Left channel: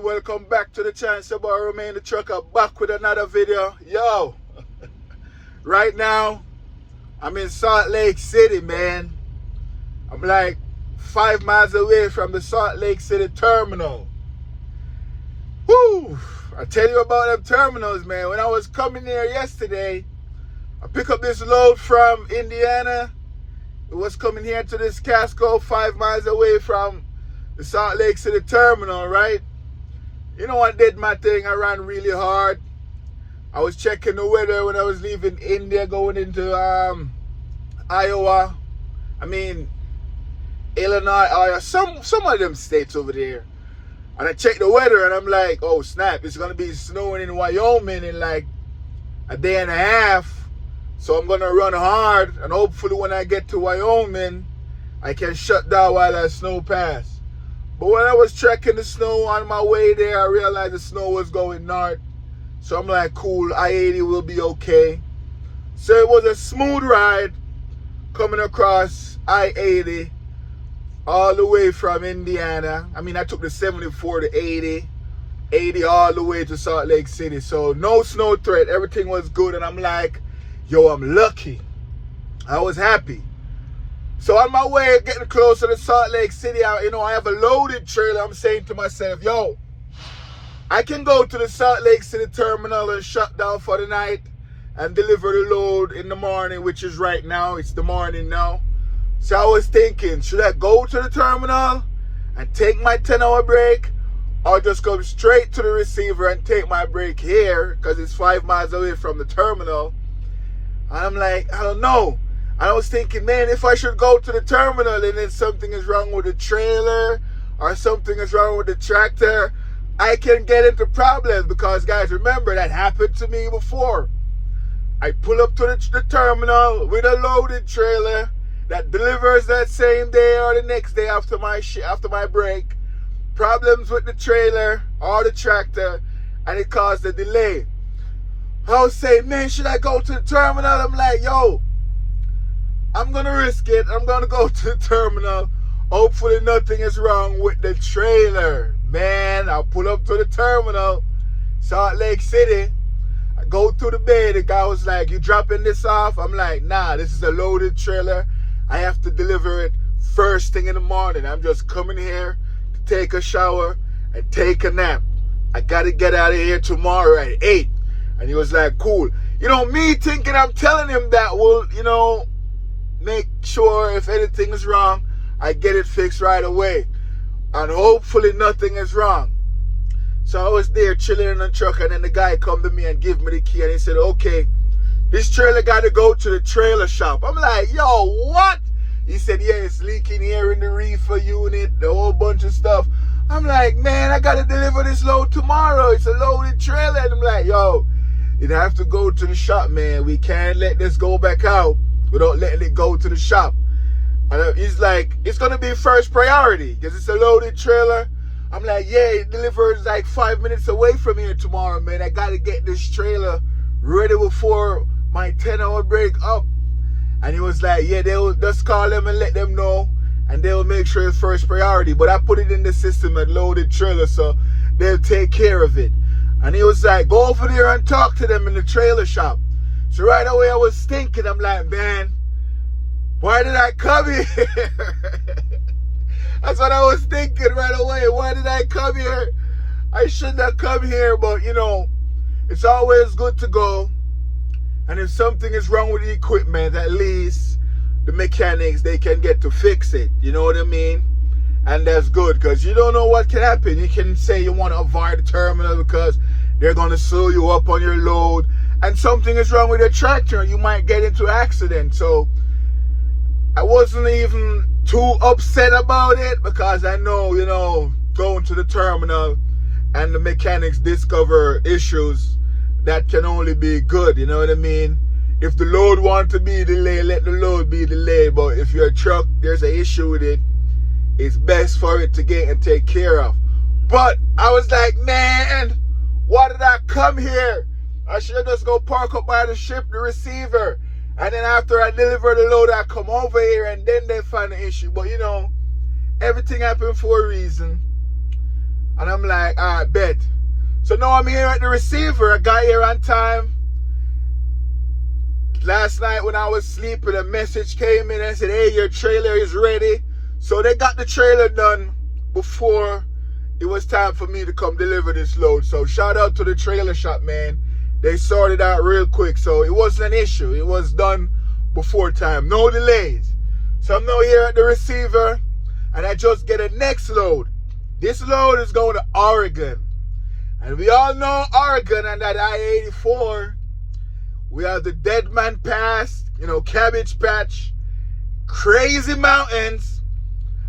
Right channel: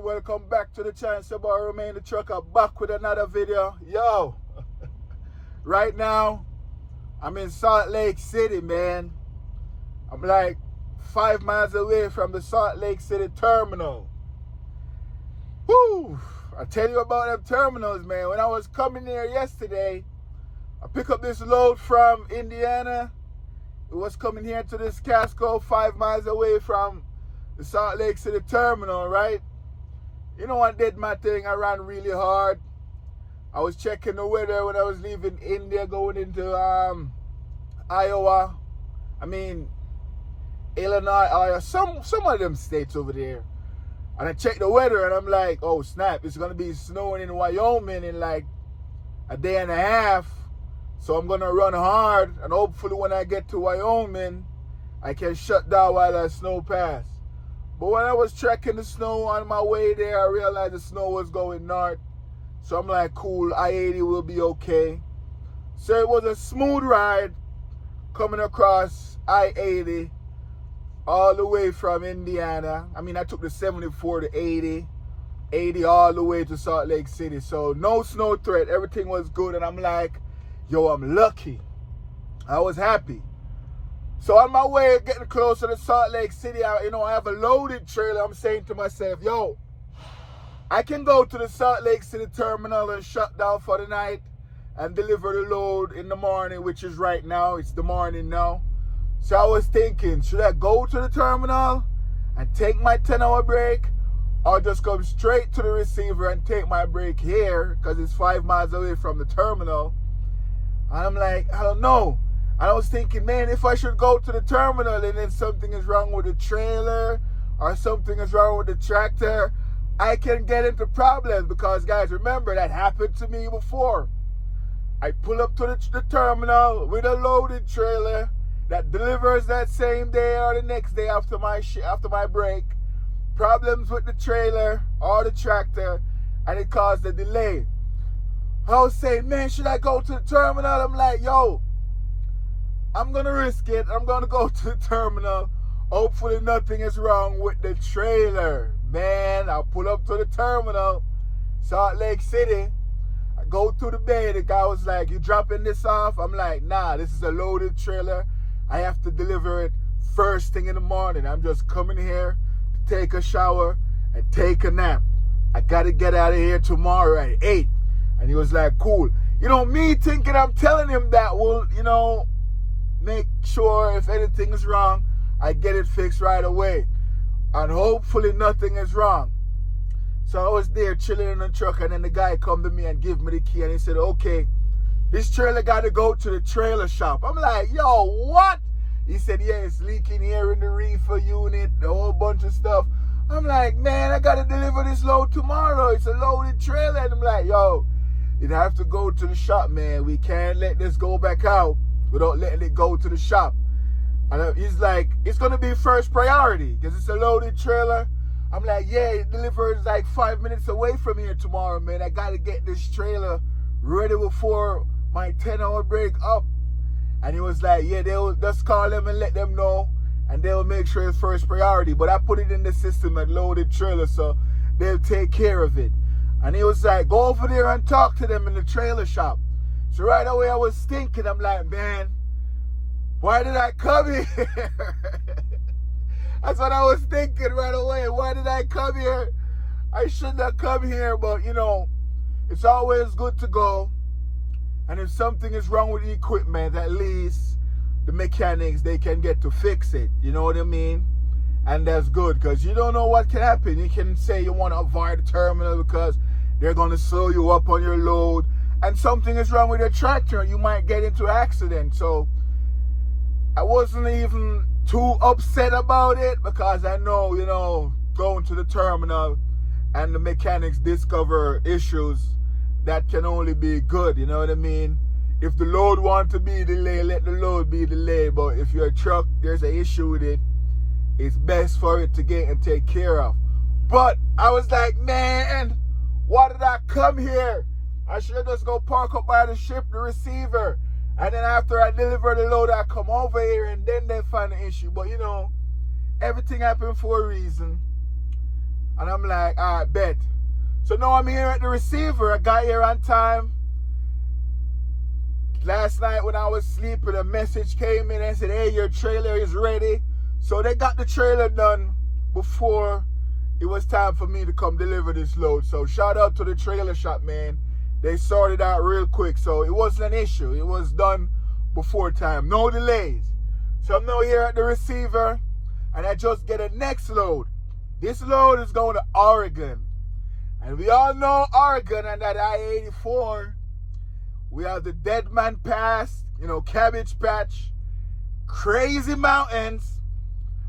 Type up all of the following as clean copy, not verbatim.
people, welcome back to the channel. It's about Remain the Trucker, back with another video. Yo, right now I'm in Salt Lake City, man. I'm like 5 miles away from the Salt Lake City terminal. Woo! I tell you about them terminals, man. When I was coming here yesterday, I picked up this load from Indiana. It was coming here to this Casco 5 miles away from the Salt Lake City terminal, right? You know, I did my thing. I ran really hard. I was checking the weather when I was leaving India, going into Iowa. I mean, Illinois, Iowa, some of them states over there. And I checked the weather and I'm like, oh snap, it's gonna be snowing in Wyoming in like a day and a half. So I'm gonna run hard, and hopefully when I get to Wyoming, I can shut down while that snow passes. But when I was tracking the snow on my way there, I realized the snow was going north. So I'm like, cool, I-80 will be okay. So it was a smooth ride coming across I-80 all the way from Indiana. I mean, I took the 74 to 80 all the way to Salt Lake City. So no snow threat, everything was good. And I'm like, yo, I'm lucky. I was happy. So on my way, getting closer to Salt Lake City, I have a loaded trailer. I'm saying to myself, yo, I can go to the Salt Lake City terminal and shut down for the night and deliver the load in the morning, which is right now. It's the morning now. So I was thinking, should I go to the terminal and take my 10-hour break, or just come straight to the receiver and take my break here because it's 5 miles away from the terminal? And I'm like, I don't know. And I was thinking, man, if I should go to the terminal and then something is wrong with the trailer or something is wrong with the tractor, I can get into problems because, guys, remember, that happened to me before. I pull up to the terminal with a loaded trailer that delivers that same day or the next day after my break. Problems with the trailer or the tractor, and it caused a delay. I was saying, man, should I go to the terminal? I'm like, yo, I'm going to risk it. I'm going to go to the terminal. Hopefully nothing is wrong with the trailer. Man, I pull up to the terminal, Salt Lake City. I go through the bay. The guy was like, you dropping this off? I'm like, nah, this is a loaded trailer. I have to deliver it first thing in the morning. I'm just coming here to take a shower and take a nap. I got to get out of here tomorrow at 8. And he was like, cool. You know, me thinking I'm telling him that will, make sure if anything is wrong, I get it fixed right away. And hopefully nothing is wrong. So I was there chilling in the truck, and then the guy come to me and give me the key, and he said, okay, this trailer got to go to the trailer shop. I'm like, yo, what? He said, yeah, it's leaking here in the reefer unit, the whole bunch of stuff. I'm like, man, I got to deliver this load tomorrow. It's a loaded trailer. And I'm like, yo, it have to go to the shop, man. We can't let this go back out without letting it go to the shop. And he's like, it's going to be first priority because it's a loaded trailer. I'm like, yeah, it delivers like 5 minutes away from here tomorrow, man. I got to get this trailer ready before my 10-hour break up. And he was like, yeah, they'll just call them and let them know, and they'll make sure it's first priority. But I put it in the system at loaded trailer, so they'll take care of it. And he was like, go over there and talk to them in the trailer shop. So right away I was thinking, I'm like, man, why did I come here? That's what I was thinking right away. Why did I come here? I shouldn't have come here, but it's always good to go. And if something is wrong with the equipment, at least the mechanics, they can get to fix it. You know what I mean? And that's good, because you don't know what can happen. You can say you want to avoid the terminal because they're going to slow you up on your load, and something is wrong with your tractor and you might get into an accident. So I wasn't even too upset about it because I know, going to the terminal and the mechanics discover issues, that can only be good, you know what I mean? If the load want to be delayed, let the load be delayed. But if your truck, there's an issue with it, it's best for it to get and take care of. But I was like, man, why did I come here? I should have just go park up by the ship, the receiver. And then after I deliver the load, I come over here and then they find the issue. But everything happened for a reason. And I'm like, all right, bet. So now I'm here at the receiver. I got here on time. Last night when I was sleeping, a message came in and said, hey, your trailer is ready. So they got the trailer done before it was time for me to come deliver this load. So shout out to the trailer shop, man. They sorted out real quick. So it wasn't an issue. It was done before time. No delays. So I'm now here at the receiver and I just get a next load. This load is going to Oregon. And we all know Oregon and that I-84. We have the Dead Man Pass, Cabbage Patch, crazy mountains.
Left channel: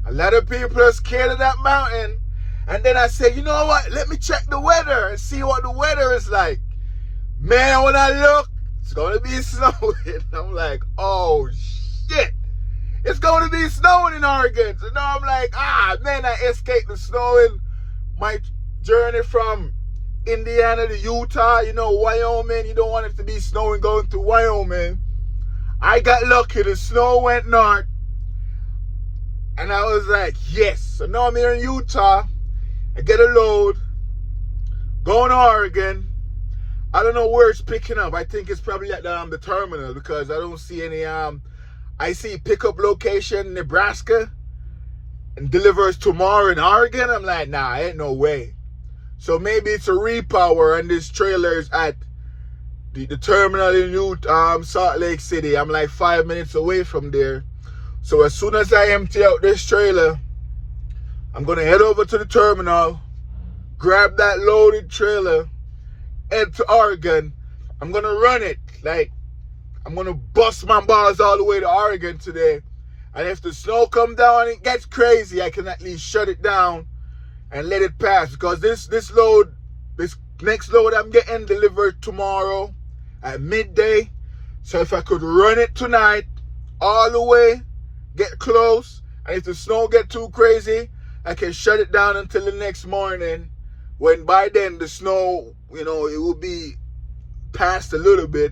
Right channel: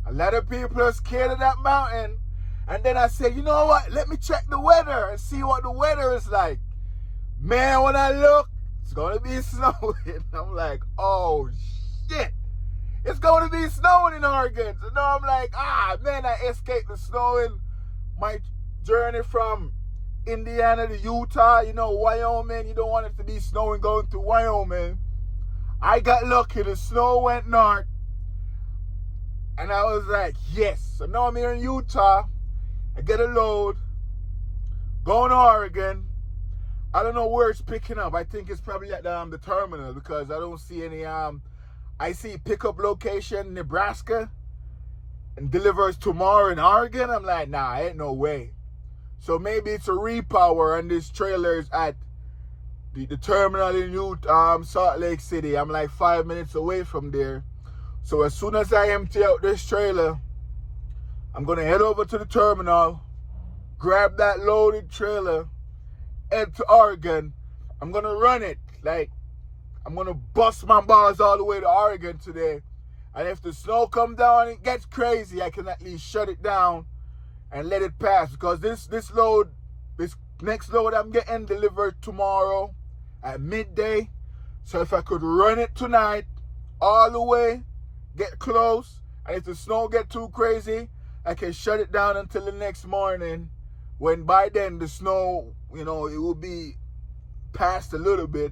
A lot of people are scared of that mountain. And then I said, you know what? Let me check the weather and see what the weather is like. Man, when I look, it's going to be snowing. I'm like, oh, shit. It's going to be snowing in Oregon. So now I'm like, man, I escaped the snowing. My journey from Indiana to Utah, Wyoming. You don't want it to be snowing going through Wyoming. I got lucky. The snow went north. And I was like, yes. So now I'm here in Utah. I get a load. Going to Oregon. I don't know where it's picking up. I think it's probably at the terminal because I don't see any. I see pickup location Nebraska and delivers tomorrow in Oregon. I'm like, nah, ain't no way. So maybe it's a repower and this trailer is at the terminal in Salt Lake City. I'm like 5 minutes away from there. So as soon as I empty out this trailer, I'm going to head over to the terminal, grab that loaded trailer, head to Oregon. I'm going to run it. I'm going to bust my balls all the way to Oregon today. And if the snow comes down and it gets crazy, I can at least shut it down and let it pass. Because this next load I'm getting delivered tomorrow at midday. So if I could run it tonight all the way, get close, and if the snow get too crazy, I can shut it down until the next morning, when by then the snow, it will be past a little bit,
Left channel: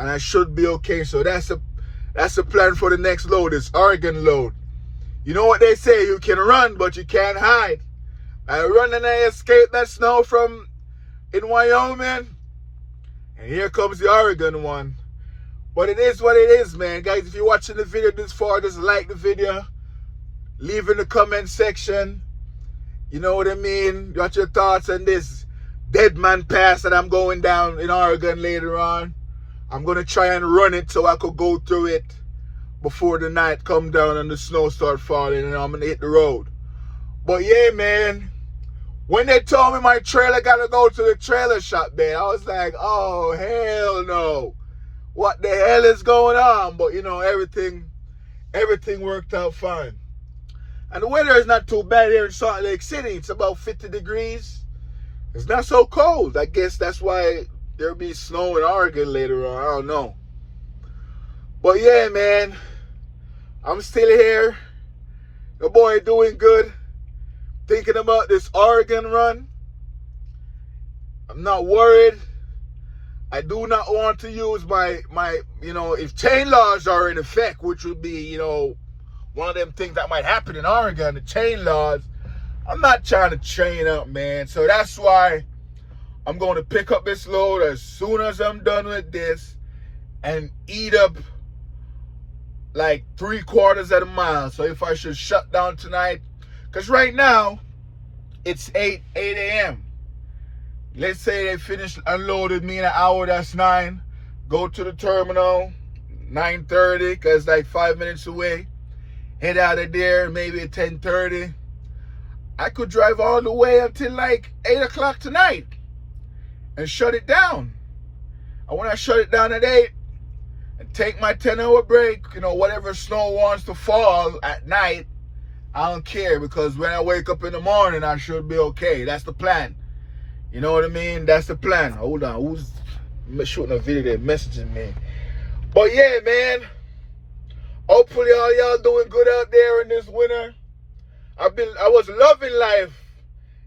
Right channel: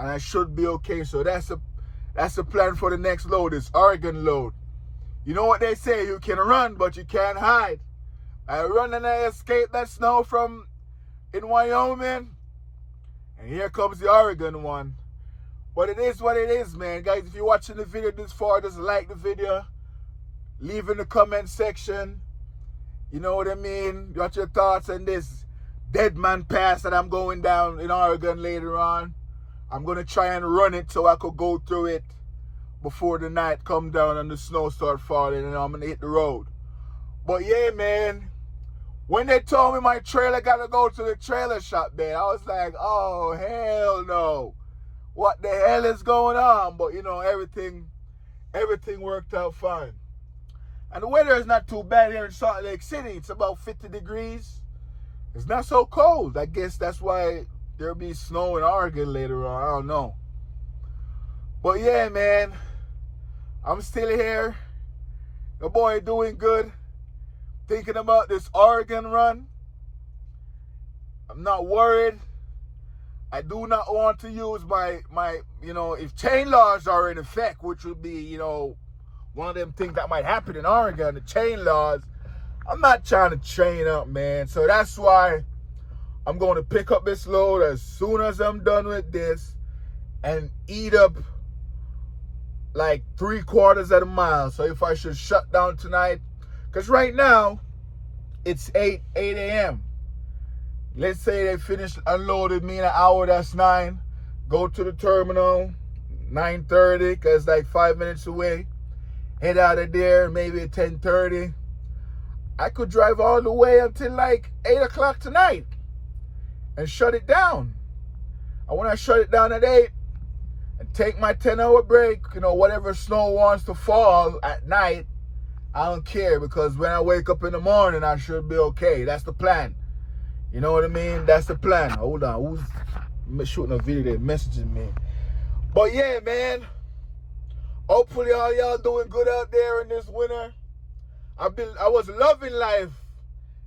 and I should be okay. So that's a plan for the next load, this Oregon load. You know what they say, you can run, but you can't hide. I run and I escape that snow from in Wyoming, and here comes the Oregon one. But it is what it is, man. Guys, if you're watching the video this far, just like the video. Leave in the comment section. You know what I mean? Got your thoughts on this Dead Man Pass that I'm going down in Oregon later on. I'm going to try and run it so I could go through it before the night come down and the snow start falling and I'm going to hit the road. But yeah, man. When they told me my trailer got to go to the trailer shop, man, I was like, oh, hell no. What the hell is going on? But, everything worked out fine. And the weather is not too bad here in Salt Lake City. It's about 50 degrees. It's not so cold. I guess that's why there'll be snow in Oregon later on. I don't know. But yeah, man, I'm still here. Your boy doing good. Thinking about this Oregon run. I'm not worried. I do not want to use my if chain laws are in effect, which would be, one of them things that might happen in Oregon, the chain laws. I'm not trying to chain up, man. So that's why I'm going to pick up this load as soon as I'm done with this and eat up like 3/4 of a mile. So if I should shut down tonight, because right now it's 8 a.m. Let's say they finished unloading me in an hour, that's 9. Go to the terminal, 9:30, because like 5 minutes away. Head out of there, maybe at 10:30. I could drive all the way until like 8 o'clock tonight and shut it down. And when I shut it down at 8 and take my 10-hour break, whatever snow wants to fall at night, I don't care, because when I wake up in the morning, I should be okay. That's the plan. You know what I mean? That's the plan. Hold on. Who's shooting a video there messaging me? But yeah, man. Hopefully all y'all doing good out there in this winter. I was loving life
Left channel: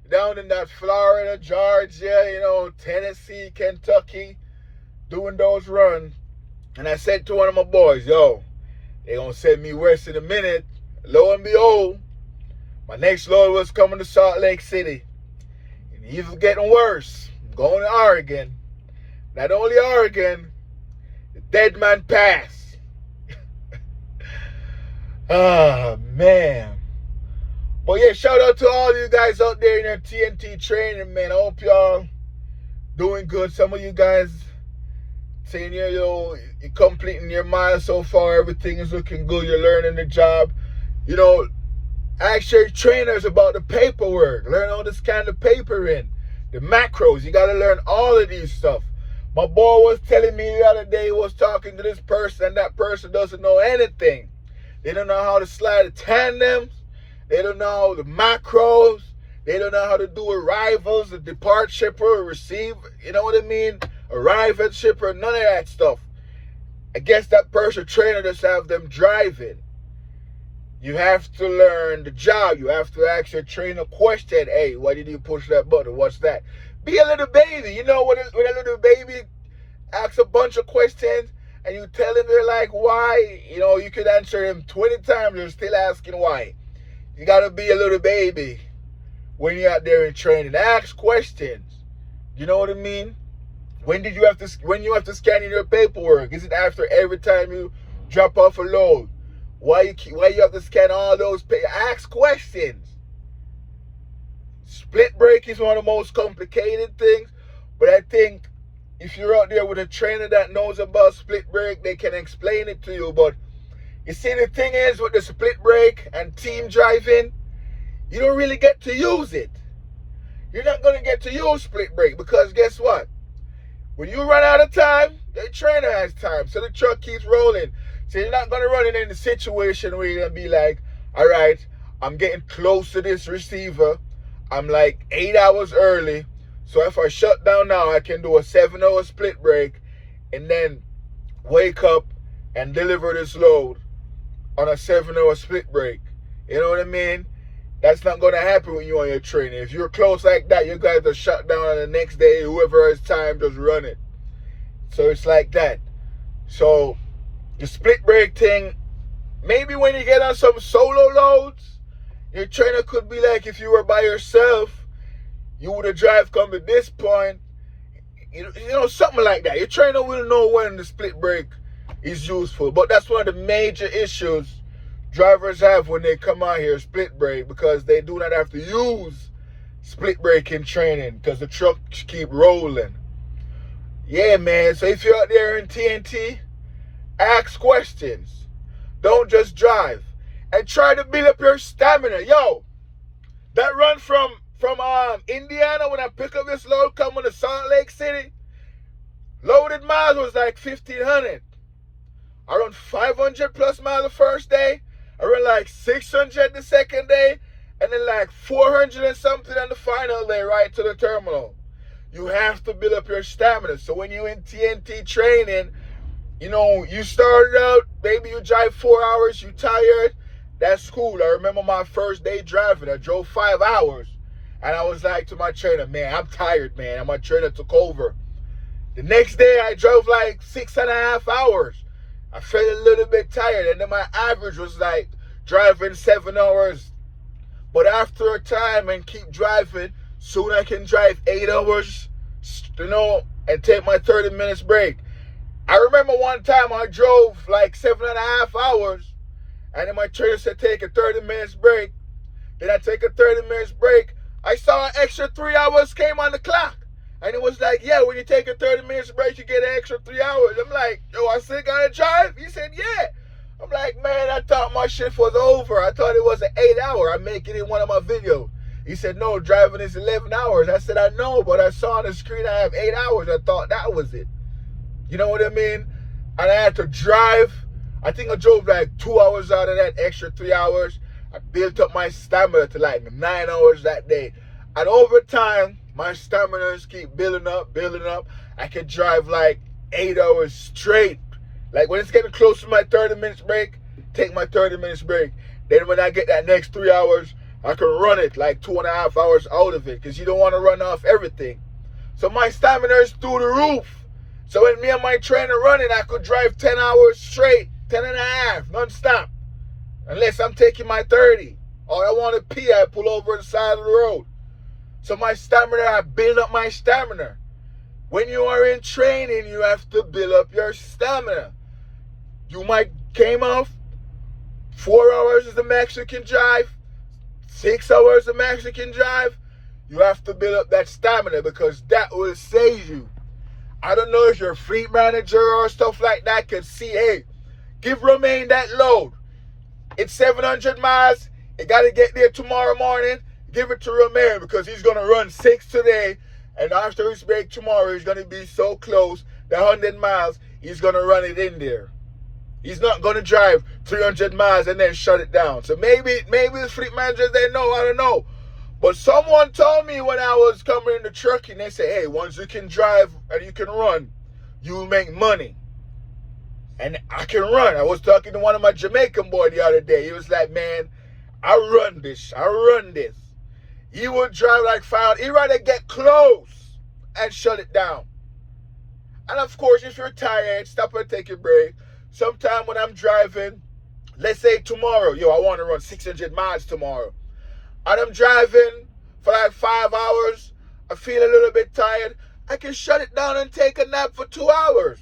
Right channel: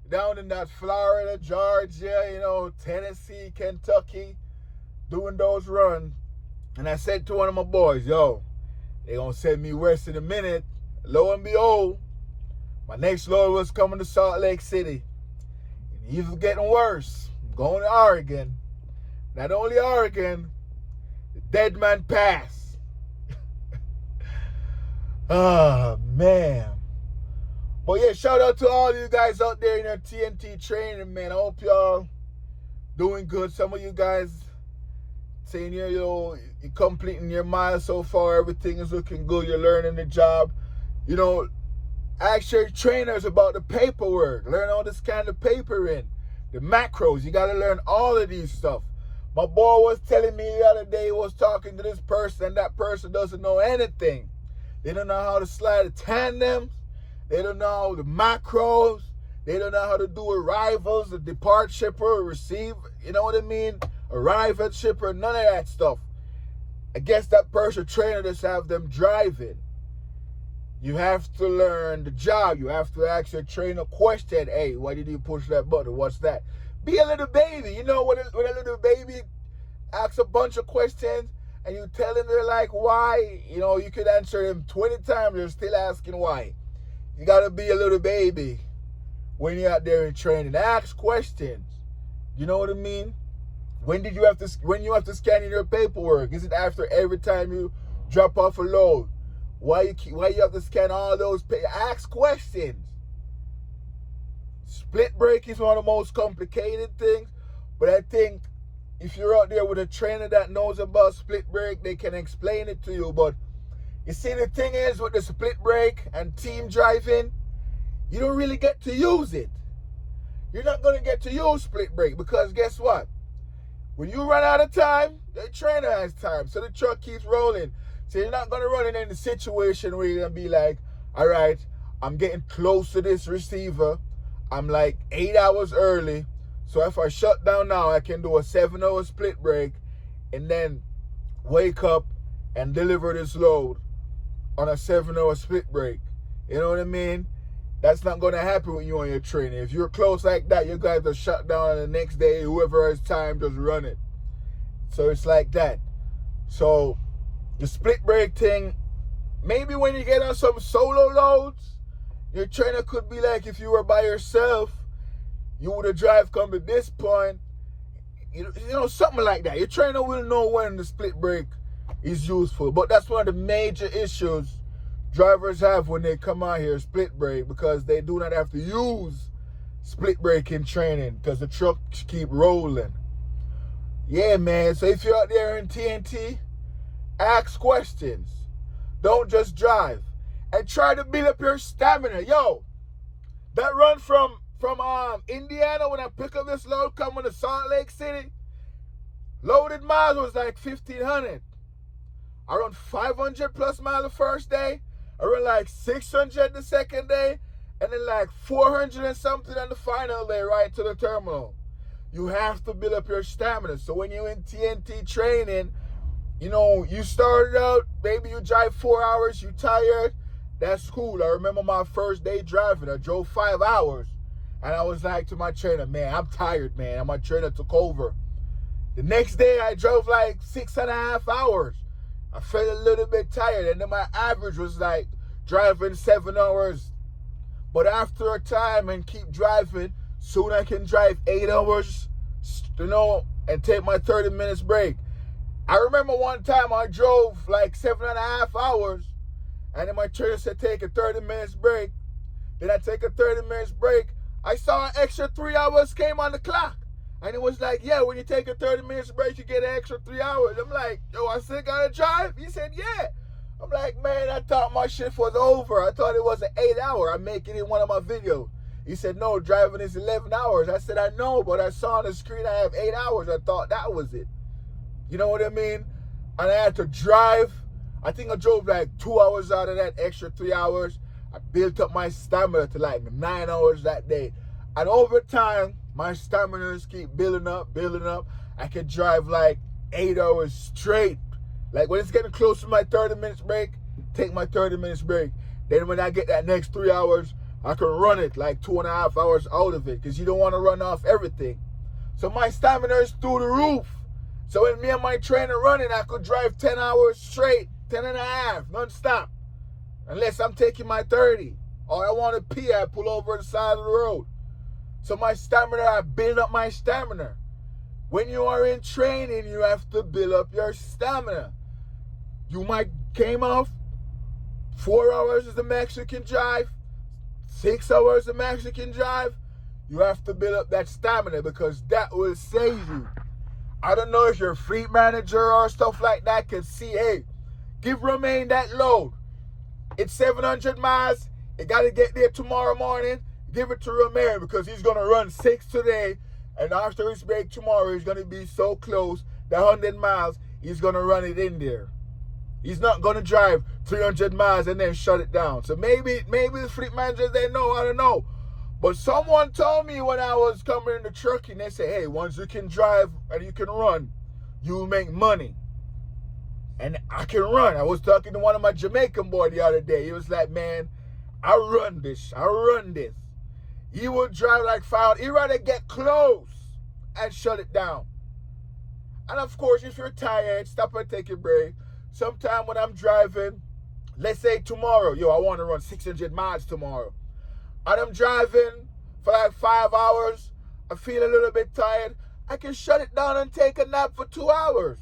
down in that Florida, Georgia, Tennessee, Kentucky, doing those runs. And I said to one of my boys, yo, they gonna send me west in a minute. Lo and behold, my next load was coming to Salt Lake City. Even getting worse. Going to Oregon. Not only Oregon, the Dead Man Pass. Ah, man. But yeah, shout out to all you guys out there in your TNT training, man. I hope y'all doing good. Some of you guys saying you're completing your miles so far. Everything is looking good. You're learning the job. Ask your trainers about the paperwork. Learn how to scan the paper in. The macros. You got to learn all of these stuff. My boy was telling me the other day, he was talking to this person, and that person doesn't know anything. They don't know how to slide the tandems. They don't know the macros. They don't know how to do arrivals, the depart shipper, receive, you know what I mean? Arrive at shipper, none of that stuff. I guess that person trainer just have them driving. You have to learn the job. You have to ask your trainer question. Hey, why did you push that button? What's that? Be a little baby. You know, when a little baby asks a bunch of questions and you tell him they're like, why? You could answer him 20 times. You're still asking why. You got to be a little baby when you're out there in training. Ask questions. You know what I mean? When you have to scan in your paperwork? Is it after every time you drop off a load? Why you have to scan all those papers? Ask questions. Split break is one of the most complicated things, but I think if you're out there with a trainer that knows about split break, they can explain it to you. But you see, the thing is with the split break and team driving, you don't really get to use it. You're not going to get to use split break because guess what? When you run out of time, the trainer has time, so the truck keeps rolling. So you're not going to run it in the situation where you're going to be like, all right, I'm getting close to this receiver. I'm like 8 hours early. So if I shut down now, I can do a 7-hour split break and then wake up and deliver this load on a 7-hour split break. You know what I mean? That's not going to happen when you're on your training. If you're close like that, you guys are shut down on the next day. Whoever has time, just run it. So it's like that. So the split break thing, maybe when you get on some solo loads, your trainer could be like, if you were by yourself, you would have drive come to this point. Something like that. Your trainer will know when the split break is useful. But that's one of the major issues drivers have when they come out here, split break, because they do not have to use split break in training because the trucks keep rolling. Yeah, man. So if you're out there in TNT, ask questions. Don't just drive. And try to build up your stamina. Yo, that run from Indiana when I pick up this load coming to Salt Lake City, loaded miles was like 1,500. I run 500 plus miles the first day. I run like 600 the second day. And then like 400 and something on the final day right to the terminal. You have to build up your stamina. So when you're in TNT training, you started out, maybe you drive 4 hours, you tired. That's cool. I remember my first day driving. I drove 5 hours. And I was like to my trainer, man, I'm tired, man. And my trainer took over. The next day, I drove like 6.5 hours. I felt a little bit tired. And then my average was like driving 7 hours. But after a time and keep driving, soon I can drive 8 hours, and take my 30 minutes break. I remember one time I drove like 7.5 hours. And then my trainer said, take a 30 minutes break. Then I take a 30 minutes break. I saw an extra 3 hours came on the clock. And it was like, yeah, when you take a 30 minutes break, you get an extra 3 hours. I'm like, yo, I still got to drive? He said, yeah. I'm like, man, I thought my shift was over. I thought it was an 8 hour. I make it in one of my videos. He said, no, driving is 11 hours. I said, I know, but I saw on the screen I have 8 hours. I thought that was it. You know what I mean? And I had to drive. I think I drove like 2 hours out of that extra 3 hours. I built up my stamina to like 9 hours that day. And over time, my stamina keep building up. I can drive like 8 hours straight. Like when it's getting close to my 30 minutes break, take my 30 minutes break. Then when I get that next 3 hours, I can run it like 2.5 hours out of it because you don't want to run off everything. So my stamina is through the roof. So when me and my trainer running, I could drive 10 hours straight, 10 and a half, non-stop. Unless I'm taking my 30. Or I want to pee, I pull over on the side of the road. So my stamina, I build up my stamina. When you are in training, you have to build up your stamina. You might came off 4 hours is the max you can drive, 6 hours the max you can drive. You have to build up that stamina because that will save you. I don't know if your fleet manager or stuff like that can see, hey, give Romain that load. It's 700 miles. You got to get there tomorrow morning. Give it to Romain because he's going to run 6 today. And after his break tomorrow, he's going to be so close. The 100 miles, he's going to run it in there. He's not going to drive 300 miles and then shut it down. So maybe the fleet managers, they know, I don't know. But someone told me when I was coming in the truck, and they said, hey, once you can drive and you can run, you will make money. And I can run. I was talking to one of my Jamaican boy the other day. He was like, man, I run this. He would drive like 5. He'd rather get close and shut it down. And of course, if you're tired, stop and take a break. Sometime when I'm driving, let's say tomorrow, I want to run 600 miles tomorrow. And I'm driving for like 5 hours. I feel a little bit tired. I can shut it down and take a nap for 2 hours.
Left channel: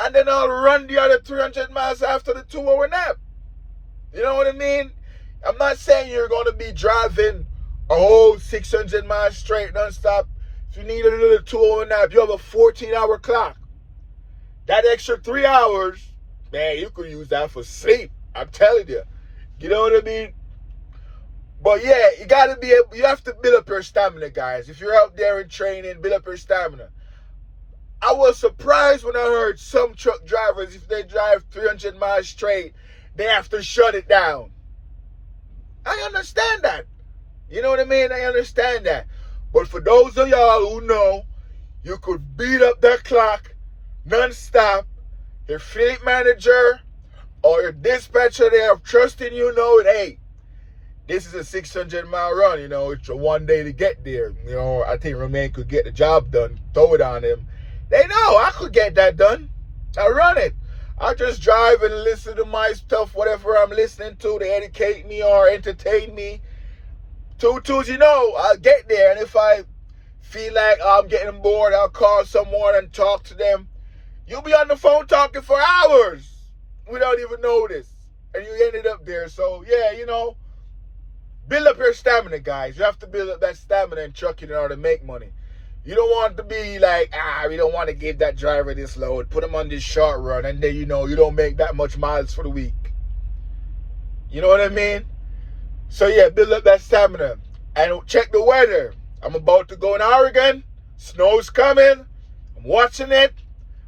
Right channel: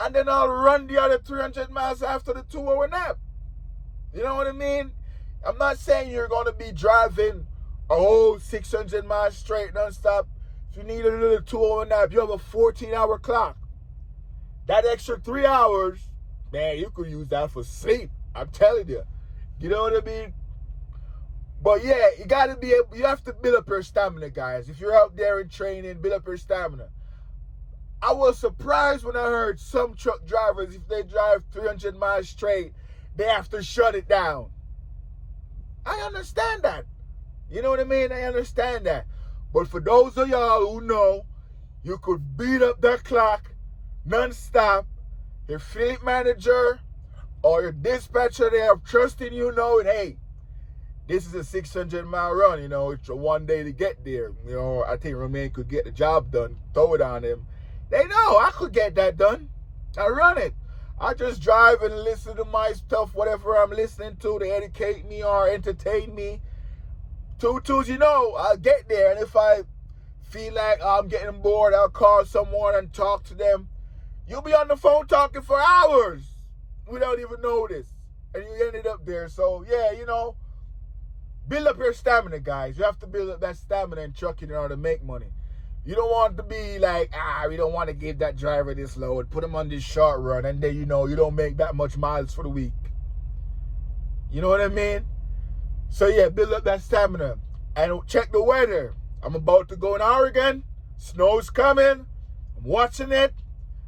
And then I'll run the other 300 miles after the 2-hour nap. You know what I mean? I'm not saying you're going to be driving a whole 600 miles straight nonstop. If you need a little 2-hour nap, you have a 14-hour clock. That extra 3 hours, man, you could use that for sleep. I'm telling you. You know what I mean? But yeah, you have to build up your stamina, guys. If you're out there in training, build up your stamina. I was surprised when I heard some truck drivers, if they drive 300 miles straight, they have to shut it down. I understand that. You know what I mean? I understand that. But for those of y'all who know, you could beat up that clock non-stop. Your fleet manager or your dispatcher, they are trusting you, knowing, hey, this is a 600-mile run. It's a 1 day to get there. I think Romain could get the job done. Throw it on him. They know I could get that done. I run it. I just drive and listen to my stuff, whatever I'm listening to educate me or entertain me. Tutus, I'll get there. And if I feel like I'm getting bored, I'll call someone and talk to them. You'll be on the phone talking for hours without even notice. And you ended up there. So, yeah, build up your stamina, guys. You have to build up that stamina in trucking in order to make money. You don't want to be like, we don't want to give that driver this load. Put him on this short run. And then, you don't make that much miles for the week. You know what I mean? So, yeah, build up that stamina. And check the weather. I'm about to go in Oregon. Snow's coming. I'm watching it.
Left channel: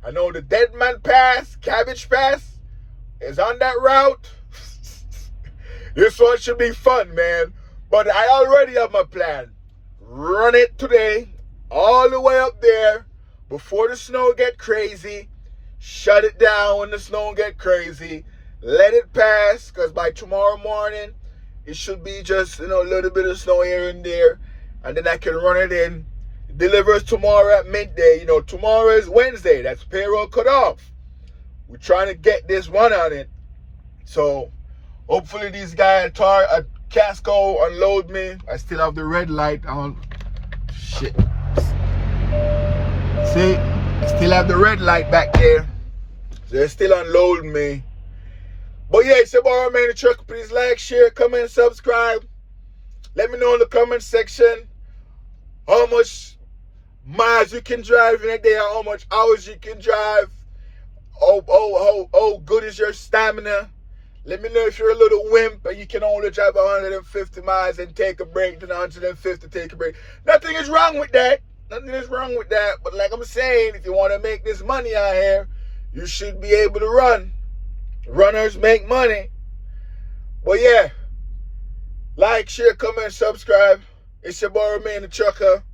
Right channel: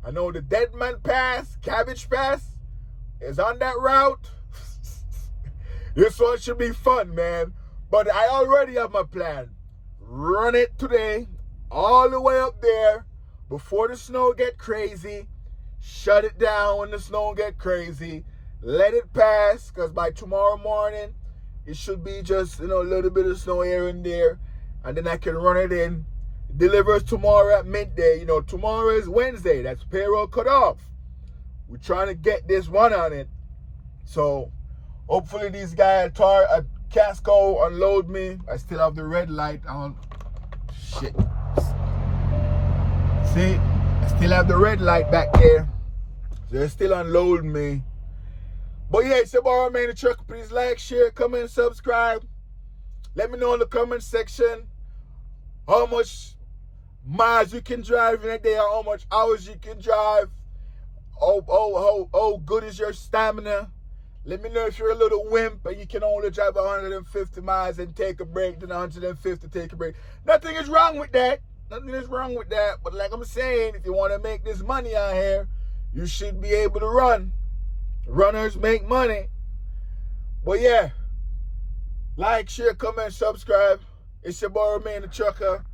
I know the Dead Man Pass, Cabbage Pass, is on that route. This one should be fun, man. But I already have my plan. Run it today, all the way up there, before the snow get crazy. Shut it down when the snow get crazy. Let it pass, because by tomorrow morning, it should be just, a little bit of snow here and there. And then I can run it in. It delivers tomorrow at midday. Tomorrow is Wednesday. That's payroll cut off. We're trying to get this one on it. So, hopefully these guys at Casco unload me. I still have the red light on. Shit. See? I still have the red light back there. So they still unload me. But yeah, it's your boy Romain the Trucker. Please like, share, comment, subscribe. Let me know in the comment section how much miles you can drive in a day, how much hours you can drive. Oh, good is your stamina. Let me know if you're a little wimp and you can only drive 150 miles and take a break, then 150 take a break. Nothing is wrong with that. But like I'm saying, if you want to make this money out here, you should be able to run. Runners make money. But yeah, like, share, comment, subscribe. It's your boy Romain the Trucker.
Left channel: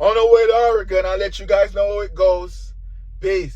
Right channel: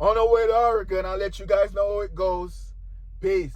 On the way to Oregon, I'll let you guys know how it goes. Peace.